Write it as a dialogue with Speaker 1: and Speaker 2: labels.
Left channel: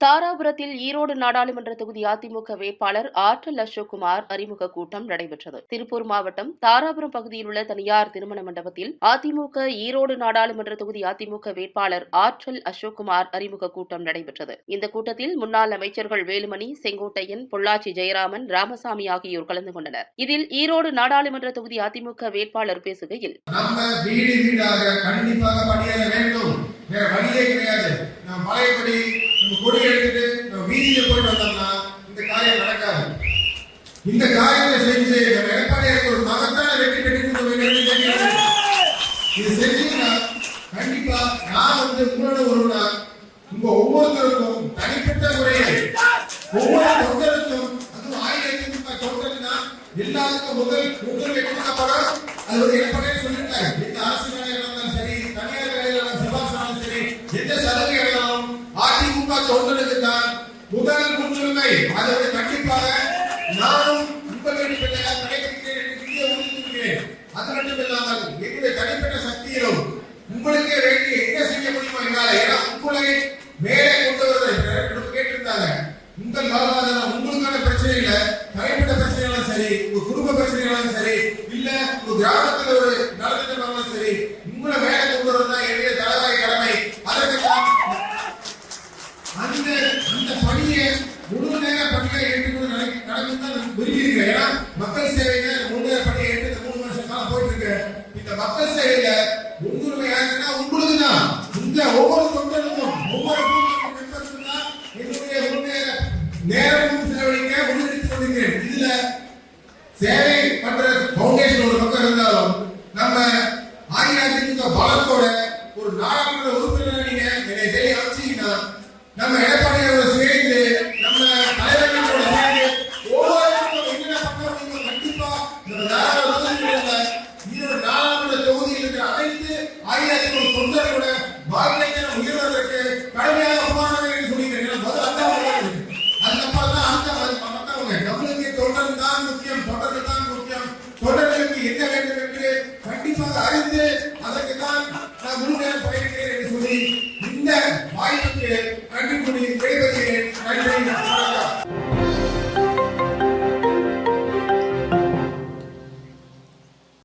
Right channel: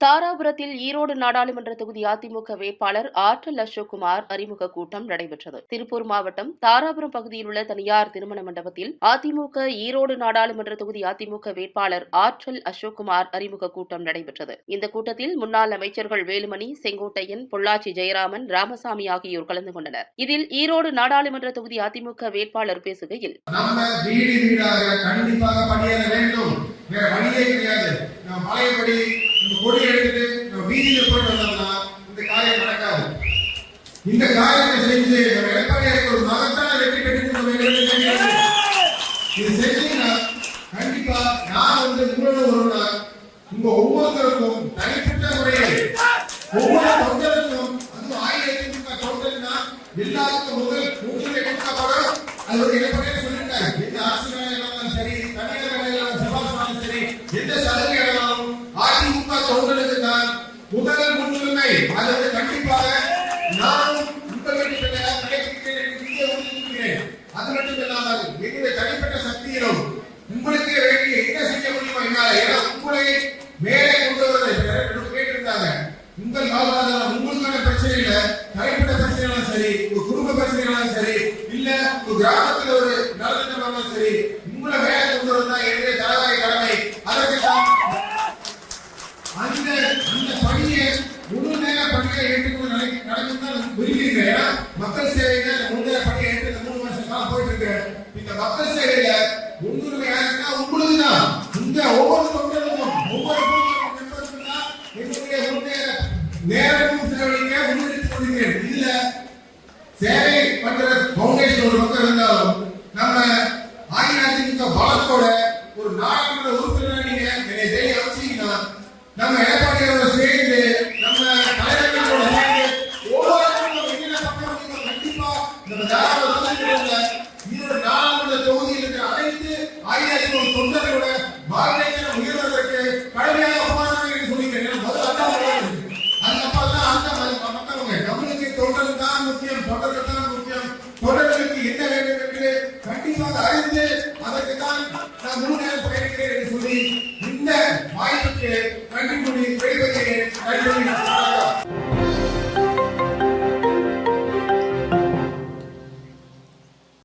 Speaker 1: தாராபுரத்தில் ஈரோடு நாடாளுமன்ற தொகுதி அதிமுக வேட்பாளர் ஆற்றல் அசோக்குமார் அறிமுக கூட்டம் நடைபெற்றது. திருப்பூர் மாவட்டம் தாராபுரம் பகுதியில் உள்ள தனியார் திருமண மண்டபத்தில் அதிமுக ஈரோடு நாடாளுமன்ற தொகுதி அதிமுக வேட்பாளர் ஆற்றல் அசோக்குமார் அறிமுக கூட்டம் நடைபெற்றது. இந்த கூட்டத்தில் முன்னாள் அமைச்சர்கள் வேலுமணி செங்கோட்டையன் பொள்ளாச்சி ஜெயராமன் ராமசாமி ஆகியோர் கலந்து கொண்டனர். இதில் ஈரோடு நாடாளுமன்ற தொகுதி அதிமுக வேட்பாளர் பேசுகையில்
Speaker 2: நம்ம ஒரு இடத்துக்கு வீதியில் பணியாற போய் வந்தோம்னா இந்த காரியம் நடக்காது. இந்த காரியத்தை செஞ்சு நம்ம எடப்பாடியாருக்கு ஒரு மகத்தான வெற்றி பெற்று இது செஞ்சீங்கன்னா கண்டிப்பா நான் வந்து உங்களோட ஒருவனா உங்க ஒவ்வொருத்தருக்கும் தனிப்பட்ட முறையில் ஒவ்வொரு தொண்டருக்கும் அது ஆயிரத்தி தொண்டர்னா எல்லாருக்கும் முதல் முதல் எடுக்கப்படும் அது ஒரு எடப்பாடியே சொல்லியிருக்காங்க முன்னுரிமை அது வந்து கண்டிப்பாக நானும் உங்கள் அது மட்டும் இல்லாமல் என்னுடைய தனிப்பட்ட சக்தியிலும் உங்களுக்கு வேண்டிய என்ன செய்ய முடியுமோ என்னால ஏன்னா உங்களை மேலே கொண்டு வருவதை கேட்டிருந்தாங்க. உங்கள் வாழ்வாதாரம் உங்களுக்கான பிரச்சனை இல்ல தனிப்பட்ட பிரச்சனைகளும் சரி உங்க குடும்ப பிரச்சனைகளும் சரி இல்ல உங்க கிராமத்தில் ஒரு நலத்திட்டம் சரி உங்களை விரும்புகிறீங்க ஏன்னா மக்கள் சேவையில முழு நேர பணியை ஏற்று மூணு வருஷம் காலம் போயிட்டு இருக்கு இந்த மக்கள் சேவையில முன்னுரிமை யாருன்னா உங்களுக்கு தான் இந்த ஒவ்வொரு தொண்டருக்கும் ஒவ்வொரு என்னுடைய நேரமும் செலவழிக்க முன்னெடுத்து கொண்டிருக்கிறேன் இதுல சேவை பண்ற பவுண்டேஷன் ஒரு பக்கம் இருந்தாலும் நம்ம அஇஅதிமுக பலத்தோட ஒரு நாடாளுமன்ற உறுப்பினர் நீங்க என்னை தேடி அமைச்சீங்கன்னா நம்ம எடப்பாடியோட சேர்ந்து ஈரோடு நாடாளுமன்ற தொகுதியில் இருக்கிற பாரதிய